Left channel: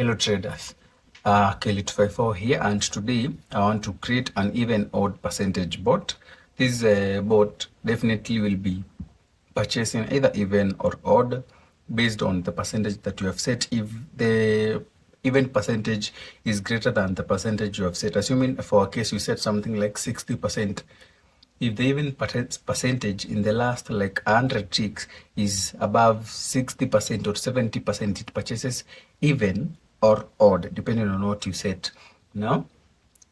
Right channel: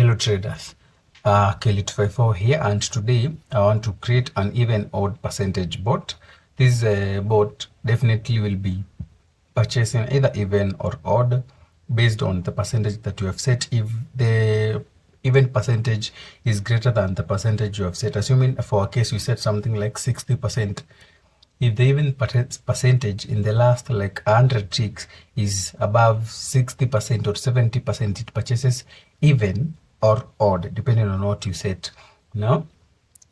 Hello traders, Kelly254 here, and today I want to create an even odd percentage bot. This bot definitely will be purchasing either even or odd based on the percentage that you have set. If the even percentage is greater than the percentage you have set, assuming for a case you set something like 60%, if the even percentage in the last like 100 ticks is above 60% or 70%, it purchases even or odd depending on what you set. Now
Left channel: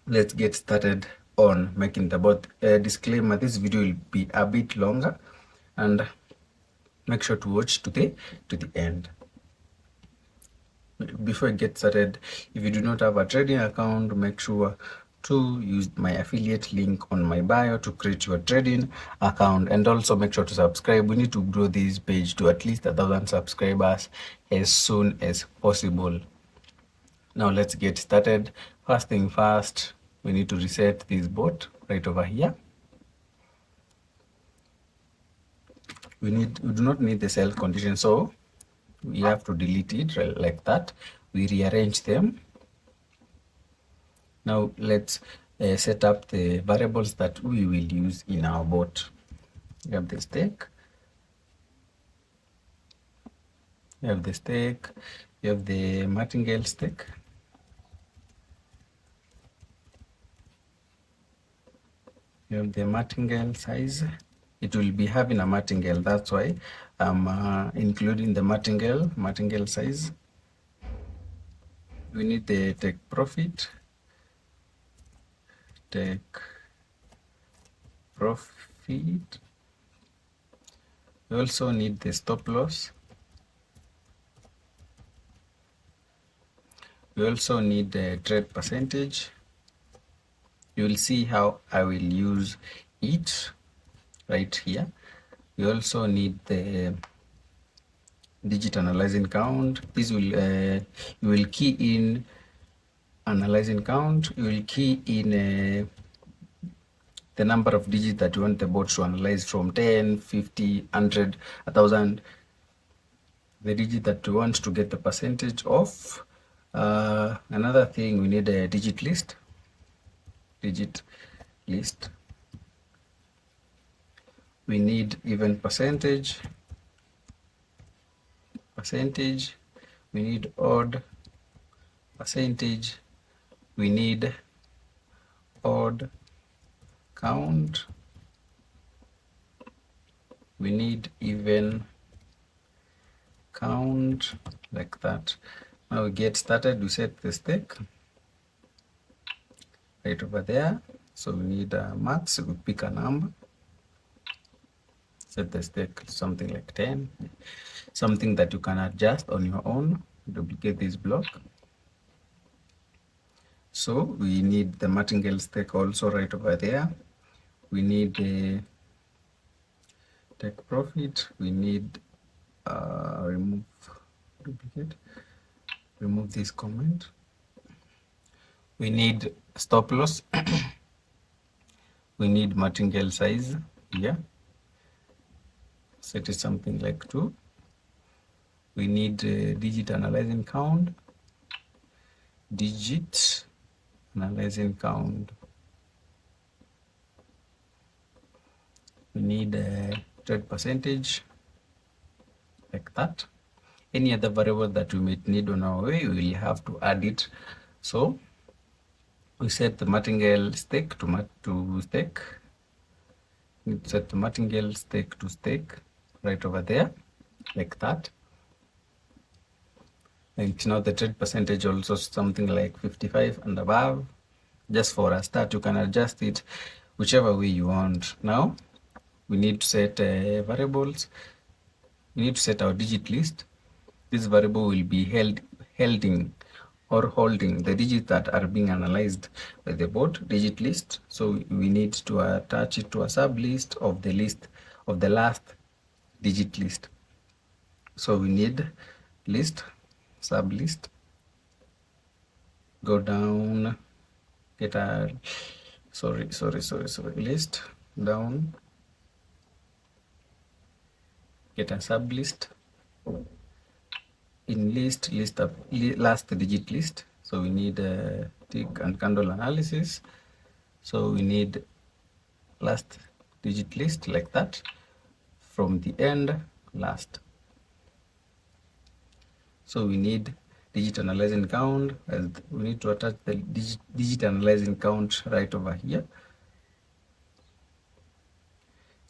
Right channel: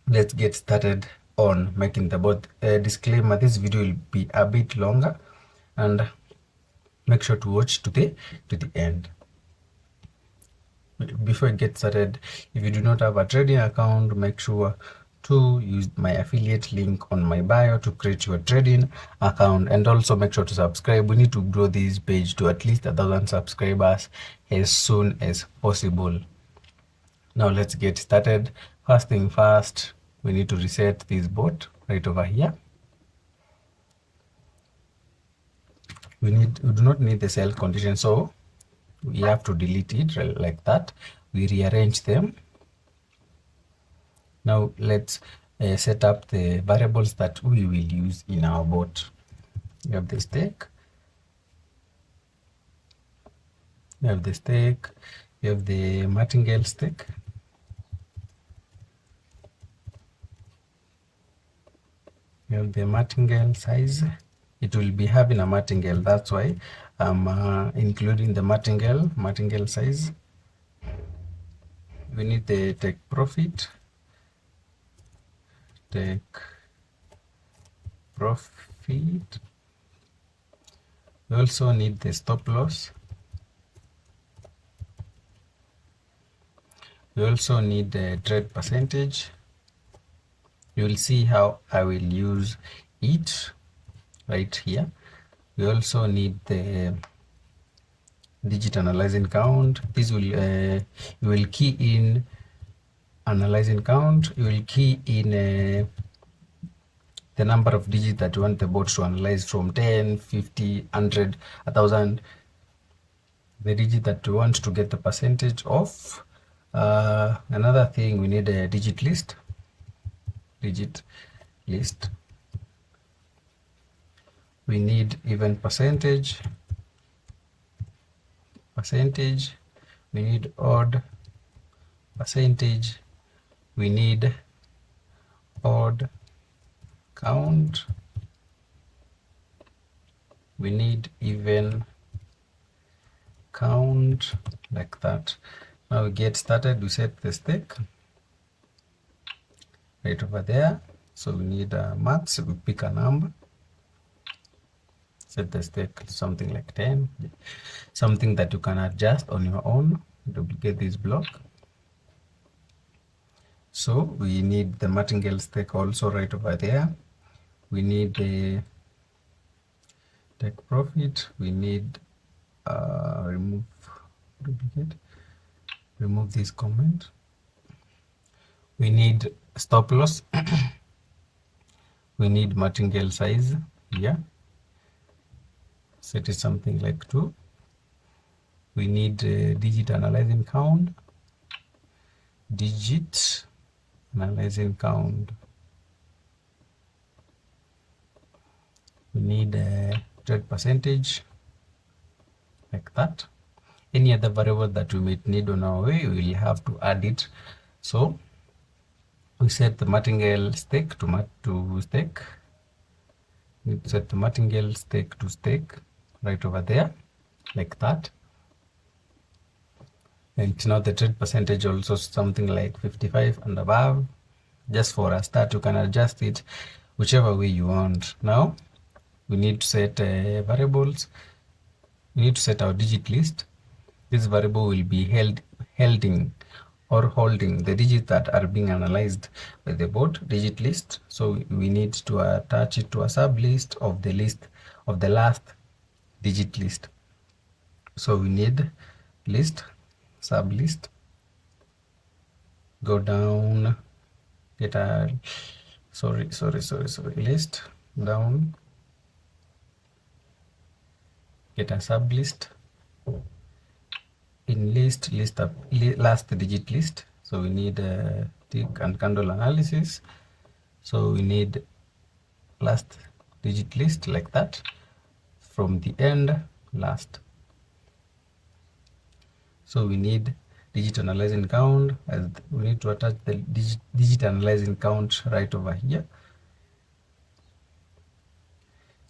let's get started on making the bot. Disclaimer, this video will be a bit longer, and make sure to watch to the end. Before I get started, if you do not have a trading account, make sure to use my affiliate link on my bio to create your trading account, and also make sure to subscribe. We need to grow this page to at least 1,000 subscribers as soon as possible. Now let's get started. First thing first, we need to reset this bot right over here. We do not need the sell condition, so we have to delete it like that. We rearrange them. Now let's set up the variables that we will use in our bot. You have the stake, you have the martingale stake, you have the martingale size. It will be having a martingale, that's why I'm including the martingale size. We need the take profit. We also need the stop loss. We also need the trade percentage. You will see how I will use it right here. We also need the digit analyzing count. This will you will key in analyzing count. You will key in the number of digits that you want the bot to analyze, from 10, 50, 100, 1,000. The digit that you want to get the percentage of. Another thing, we need a digit list. We need even percentage. We need odd percentage. We need odd count. We need even count, like that. Now we get started. We set the stake right over there. So we need max. We pick a number. Set the stake something like 10, something that you can adjust on your own. Duplicate this block. So we need the martingale stake also right over there. We need the take profit. We need remove this comment. We need stop loss. We need martingale size here. Set it something like 2. We need digit analyzing count. Digit analyzing count. We need trade percentage, like that. Any other variable that we might need on our way, we will have to add it. So we set the martingale stake to stake. We set the martingale stake to stake right over there, like that. And now the trade percentage also something like 55 and above. Just for a start, you can adjust it whichever way you want. Now we need to set variables. We need to set our digit list. This variable will be holding the digits that are being analyzed by the bot, digit list. So we need to attach it to a sub list of the list of the last digit list. So we need list, sub list, go down, get a list, down, get a sub list, in list up last digit list. So we need a tick and candle analysis. So we need last digit list like that, from the end last. So we need digit analyzing count, as we need to attach the digit analyzing count right over here.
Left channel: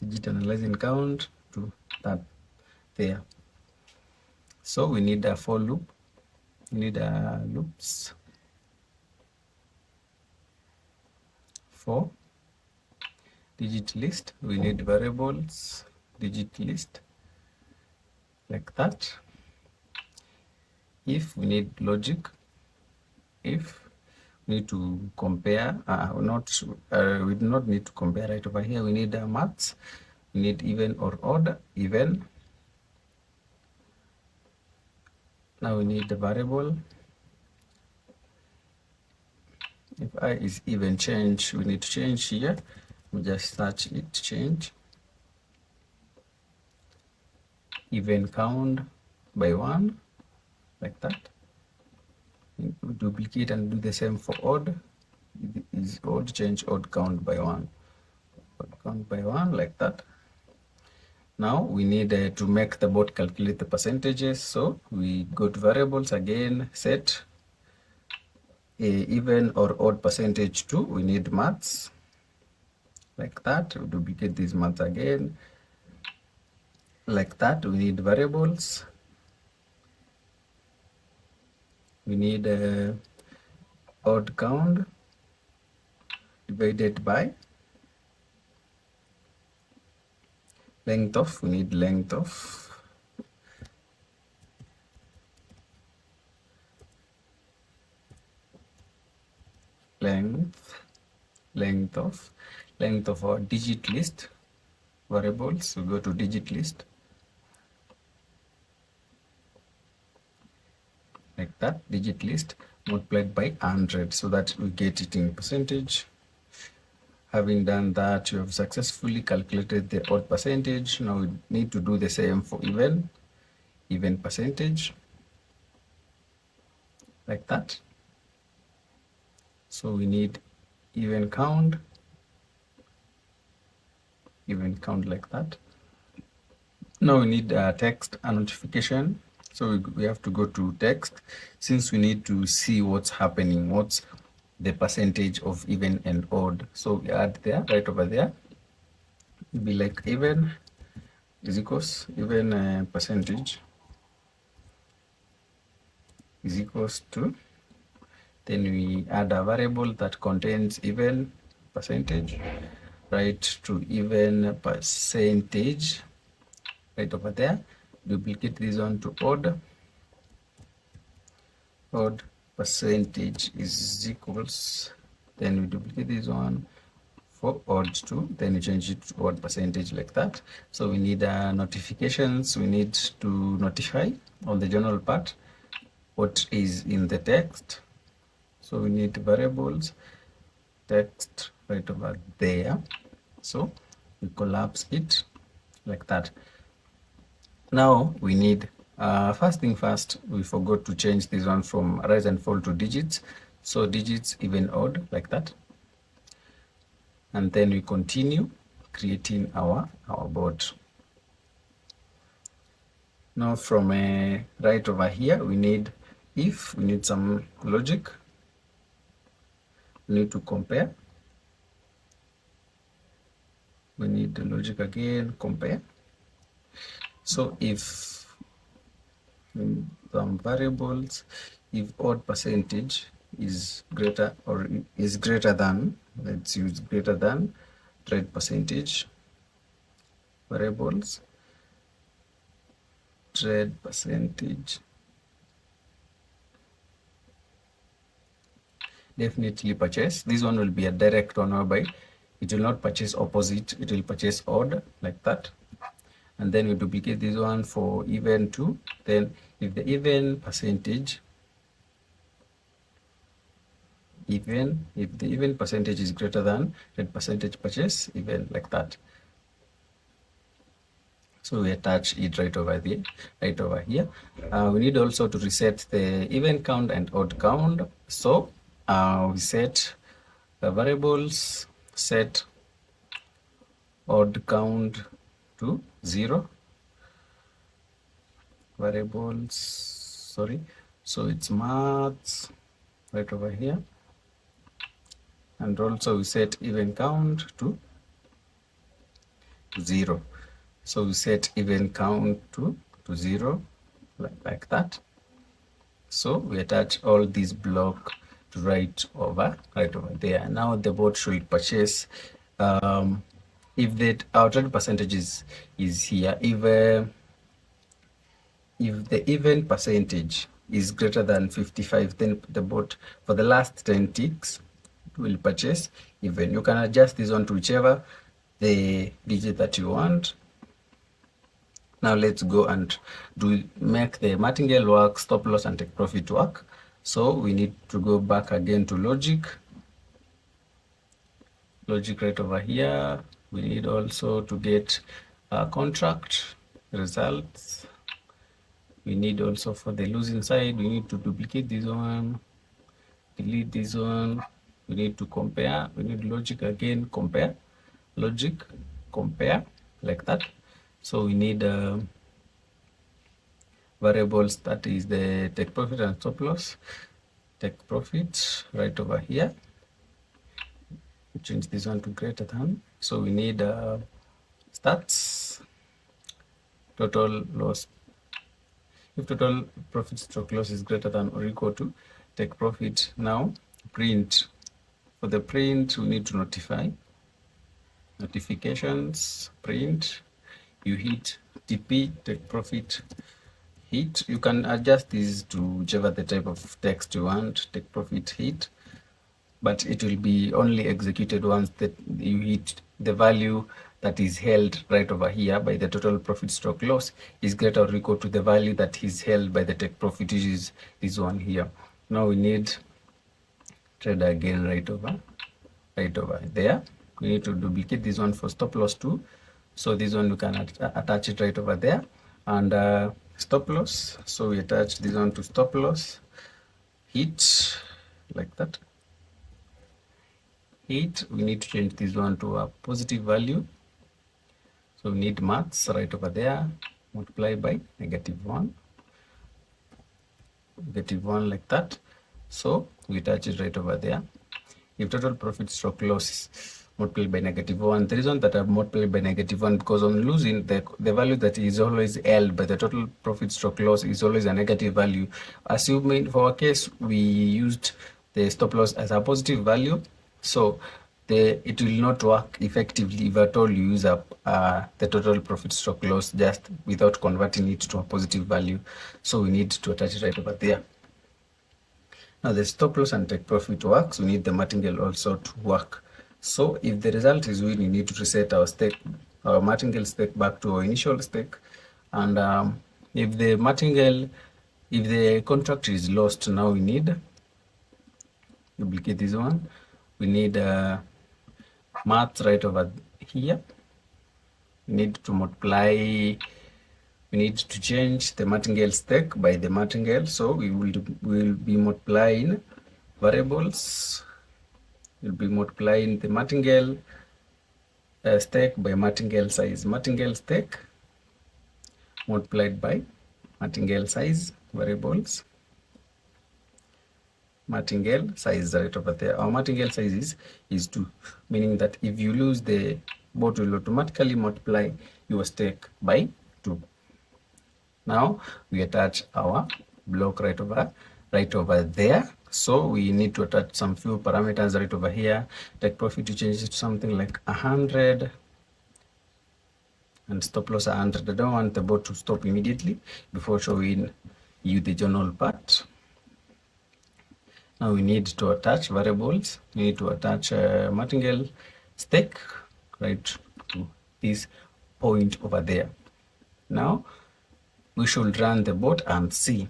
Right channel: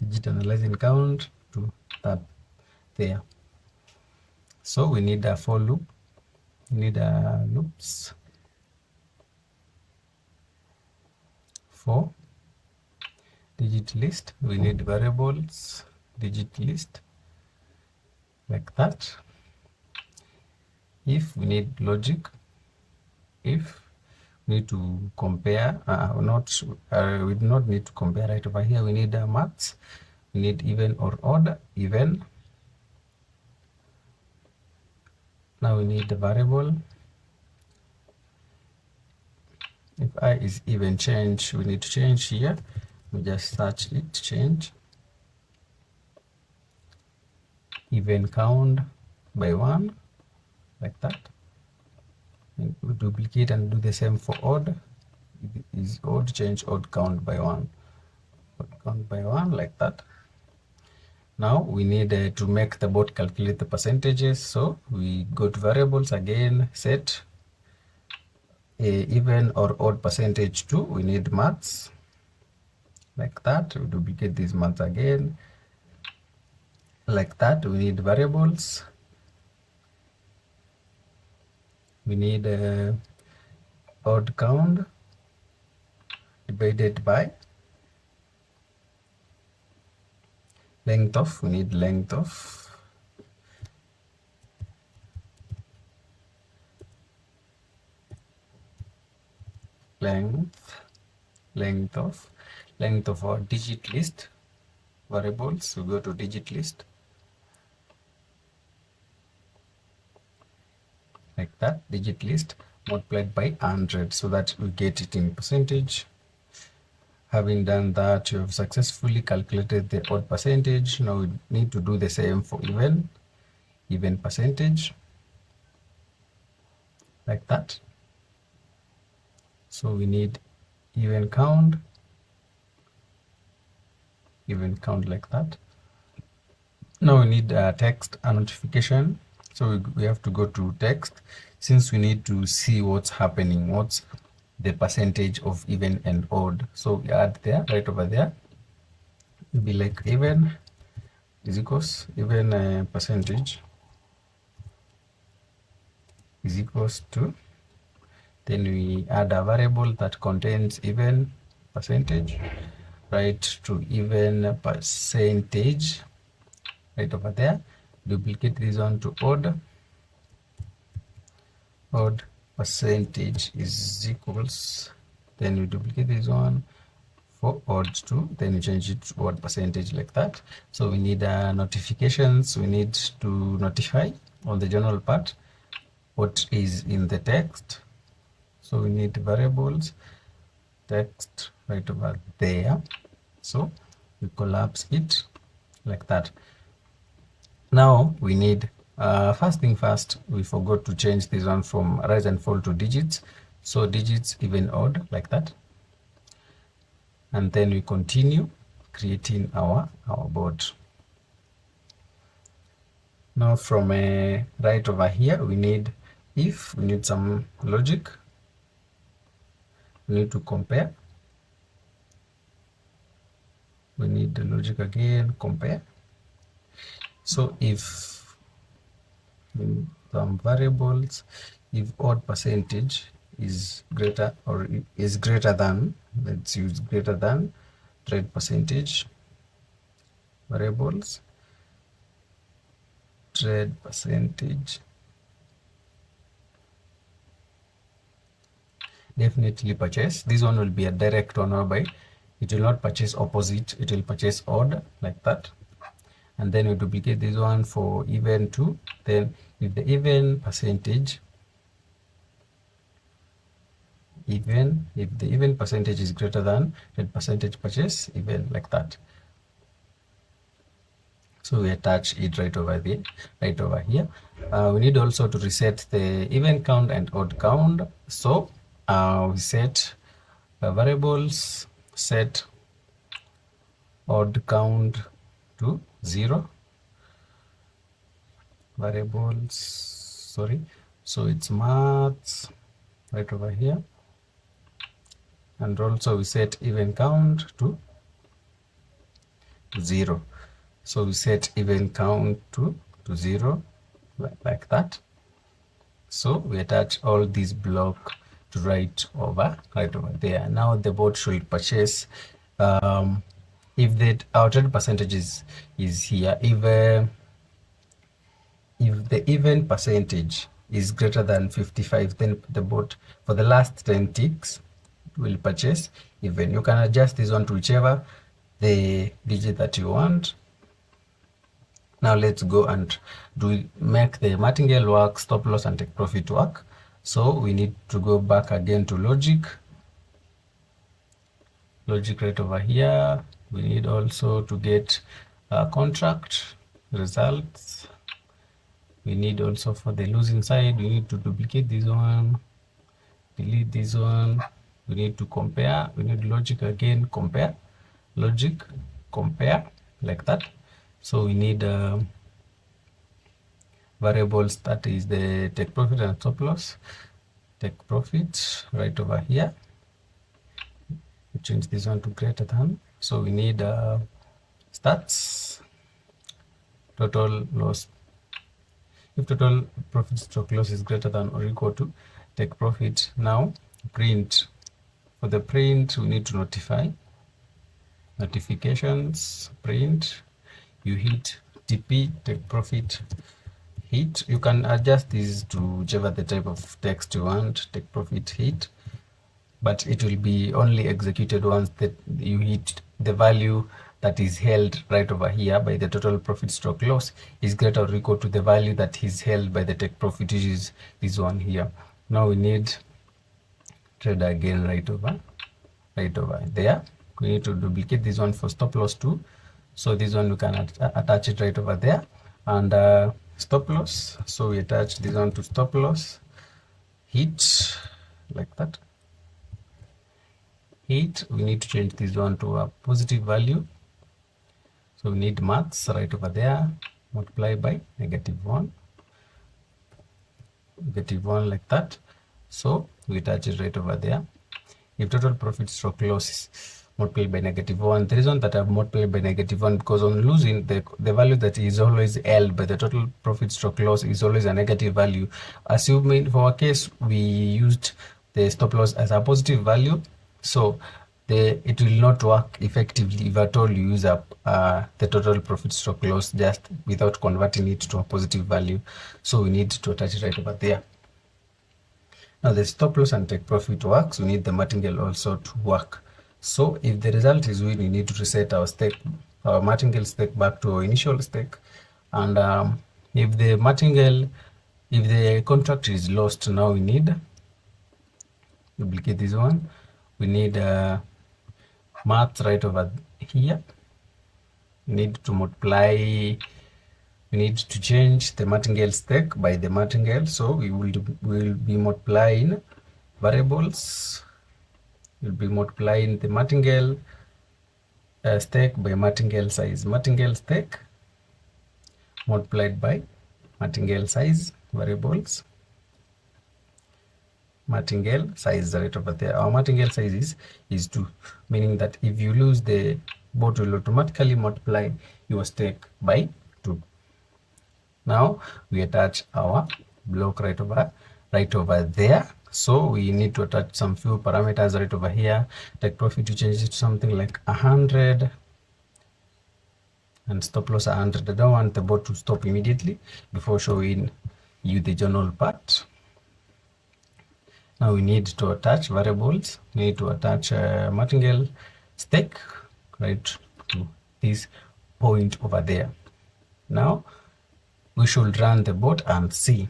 Digit analyzing count to that there. So we need a for loop. We need a loops for digit list. We need variables digit list like that. If we need logic, if we need to compare, we do not need to compare right over here. We need maths. We need even or odd, even. Now we need the variable. If I is even change, we need to change here. We just search it, change even count by 1 like that. And we duplicate and do the same for odd. Is odd, change odd count by 1. Odd count by 1 like that. Now we need to make the bot calculate the percentages. So we go to variables again, set even or odd percentage to. We need maths like that. We duplicate these maths again like that. We need variables. We need odd count divided by length of. We need length of length of our digit list variables. We go to digit list like that, digit list multiplied by 100, so that we get it in percentage. Having done that, you have successfully calculated the odd percentage. Now we need to do the same for even percentage like that. So we need even count like that. Now we need text and notification. So we have to go to text, since we need to see what's happening, what's the percentage of even and odd. So we add there, right over there. It'll be like even is equals even percentage is equals to, then we add a variable that contains even percentage, right to even percentage right over there. Duplicate this one to odd percentage is equals, then you duplicate this one for odd to, then you change it to odd percentage like that. So we need notifications. We need to notify on the general part what is in the text. So we need variables text right over there. So we collapse it like that. Now we need first thing first, we forgot to change this one from rise and fall to digits. So digits even odd like that, and then we continue creating our board. Now from right over here, we need some logic. We need to compare. We need the logic again, compare. So if some variables, if odd percentage is greater than, let's use greater than trade percentage, variables trade percentage, definitely purchase. This one will be a direct one, whereby it will not purchase opposite, it will purchase odd like that. And then we duplicate this one for even to, then if the even percentage, if the even percentage is greater than trade percentage, purchase even like that. So we attach it right over there, right over here. We need also to reset the even count and odd count. So we set variables, set odd count to 0. Variables, sorry, so it's maths right over here, and also we set even count to 0. So we set even count to 0 like that. So we attach all these block to right over there. Now the bot should purchase if our trade percentage is here, if the even percentage is greater than 55, then the bot for the last 10 ticks will purchase even. You can adjust this one to whichever the digit that you want. Now let's go and make the martingale work, stop loss and take profit work. So we need to go back again to logic right over here. We need also to get contract results. We need also for the losing side, we need to duplicate this one, delete this one. We need to compare, we need logic again, compare, logic, compare, like that. So we need variables, that is the take profit and stop loss. Take profit right over here. Change this one to greater than. So we need stats, total loss. If total profit stroke loss is greater than or equal to take profit. Now print. For the print, we need to notify. Notifications, print. You hit TP, take profit, hit. You can adjust this to whichever the type of text you want, take profit, hit. But it will be only executed once that you hit the value that is held right over here by the total profit stroke loss is greater or equal to the value that is held by the take profit, which is this one here. Now we need trade again right over there. We need to duplicate this one for stop loss too. So this one we can attach it right over there, and stop loss. So we attach this one to stop loss, hit, like that. Hit, we need to change this one to a positive value. So we need maths right over there, multiply by -1, like that. So we attach it right over there. If total profit stroke loss is multiplied by -1, the reason that I've multiplied by -1 because on losing, the value that is always held by the total profit stroke loss is always a negative value. Assuming for our case we used the stop loss as a positive value, so it will not work effectively if at all you use up the total profit stroke loss just without converting it to a positive value. So we need to attach it right over there. Now the stop loss and take profit works, we need the martingale also to work. So if the result is win, we need to reset our martingale stake back to our initial stake. And if the contract is lost, now we need duplicate this one. We need math right over here. We need to multiply. We need to change the martingale stake by the martingale. So we will be multiplying variables. We'll be multiplying the martingale stake by martingale size. Martingale stake multiplied by martingale size variables. Martingale size right over there. Our martingale size is 2, meaning that if you lose, the bot will automatically multiply your stake by 2. Now we attach our block right over there. So we need to attach some few parameters right over here. Take profit, to change it to something like 100, and stop loss 100. I don't want the bot to stop immediately before showing you the journal part. Now we need to attach variables. We need to attach martingale stake right to this point over there. Now we should run the bot and see.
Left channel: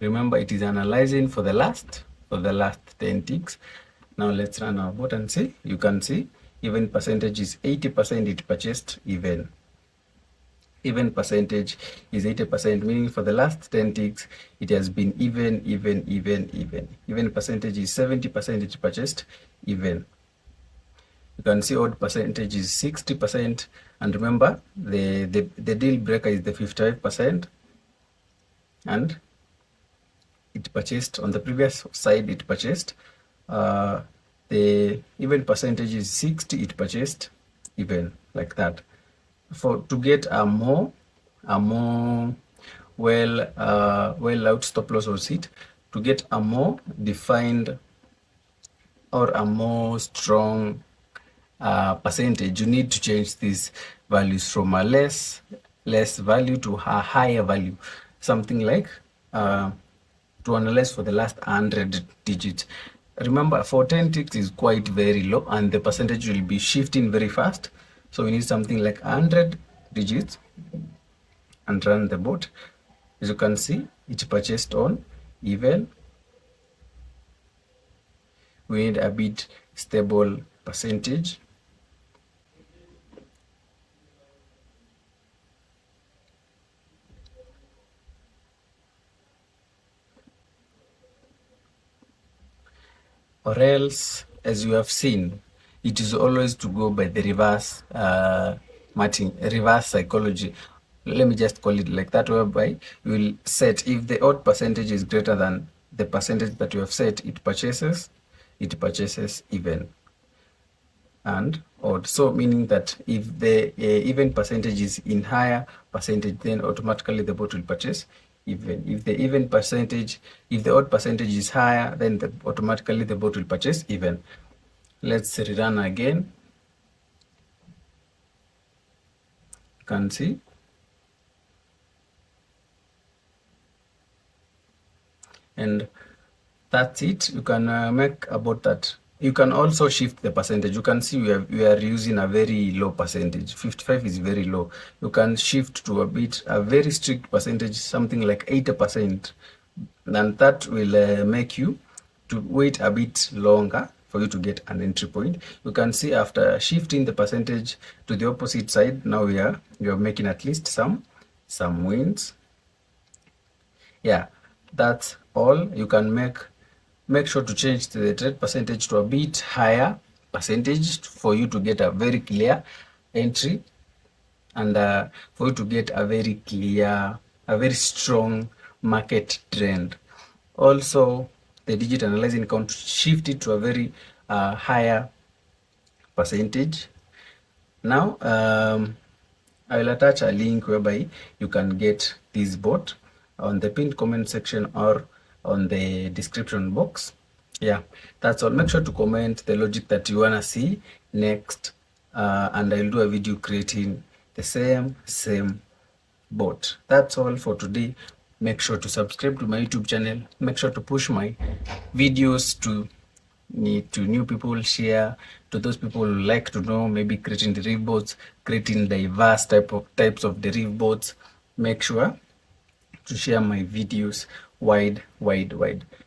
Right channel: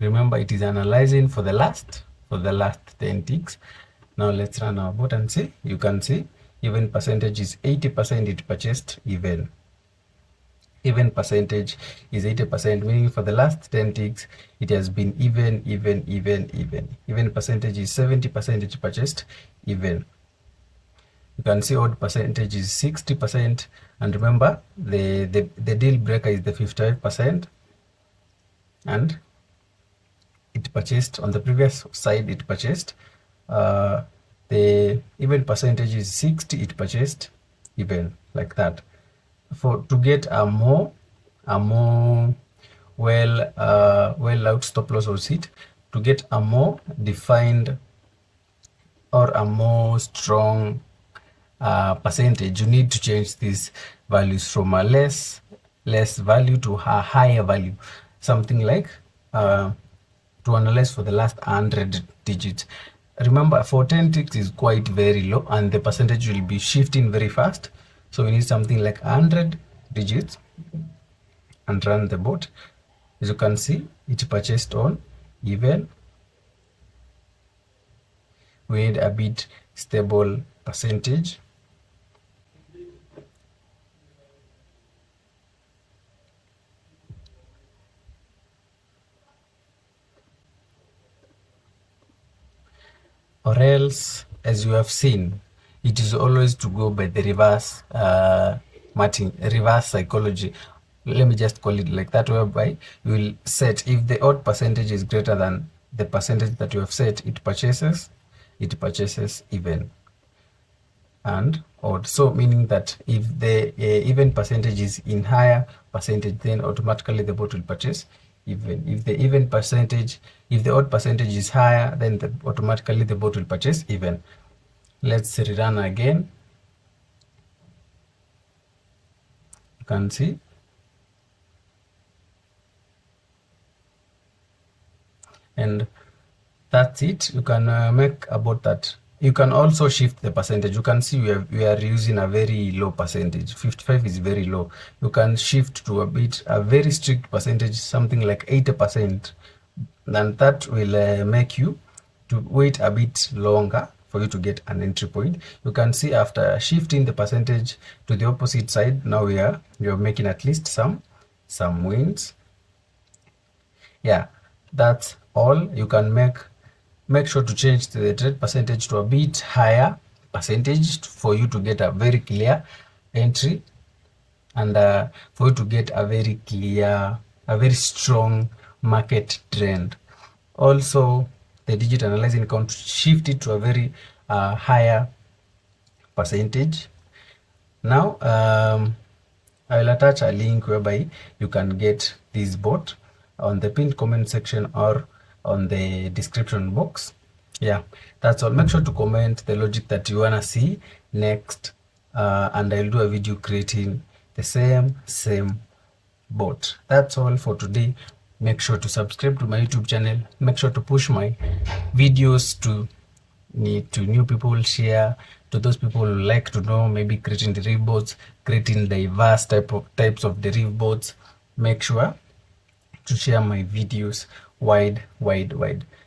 Remember, it is analyzing for the last 10 ticks. Now let's run our bot and see. You can see Even percentage is 80%, it purchased even. Even percentage is 80%, meaning for the last 10 ticks it has been even. Even percentage is 70%, it purchased even. You can see odd percentage is 60%, and remember the deal breaker is the 55%, and it purchased on the previous side. It purchased the even percentage is 60, it purchased even, like that. For to get a more well out stop loss or sit, to get a more defined or a more strong percentage, you need to change these values from a less value to a higher value, something like to analyze for the last 100 digits. Remember, for 10 ticks is quite very low and the percentage will be shifting very fast, so we need something like 100 digits and run the bot. As you can see, it purchased on even. We need a bit stable percentage. Or else, as you have seen, it is always to go by the reverse reverse psychology. Let me just call it like that, whereby you will set, if the odd percentage is greater than the percentage that you have set, it purchases even and odd. So meaning that if the even percentage is in higher percentage, then automatically the bot will purchase even. If the odd percentage is higher, then automatically the bot will purchase even. Let's rerun again. You can see. And that's it. You can make about that. You can also shift the percentage. You can see we are using a very low percentage. 55 is very low. You can shift to a very strict percentage, something like 80%. And that will make you to wait a bit longer for you to get an entry point. You can see after shifting the percentage to the opposite side, now we are making at least some wins. Yeah, that's all. You can make sure to change the trade percentage to a bit higher percentage for you to get a very clear entry, and for you to get a very clear, a very strong market trend. Also, the digit analyzing count, shift it to a very higher percentage. Now I will attach a link whereby you can get this bot on the pinned comment section or on the description box. Yeah, that's all. Make sure to comment the logic that you wanna see next, and I'll do a video creating the same bot. That's all for today. Make sure to subscribe to my YouTube channel. Make sure to push my videos to new people, share to those people who like to know, maybe creating Deriv bots, creating diverse types of Deriv bots. Make sure to share my videos wide.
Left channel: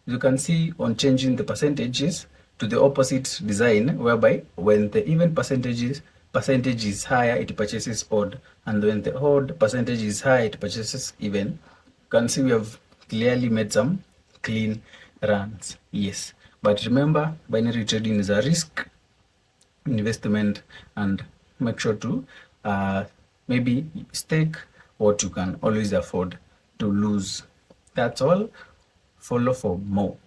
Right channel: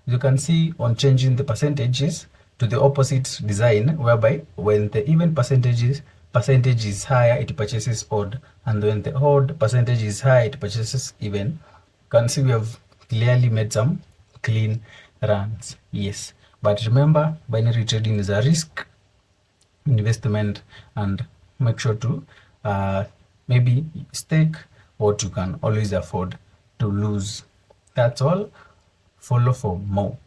You can see on changing the percentages to the opposite design, whereby when the even percentage is higher, it purchases odd, and when the odd percentage is high, it purchases even. You can see we have clearly made some clean runs. Yes, but remember, binary trading is a risk investment, and make sure to maybe stake what you can always afford to lose. That's all. Follow for more.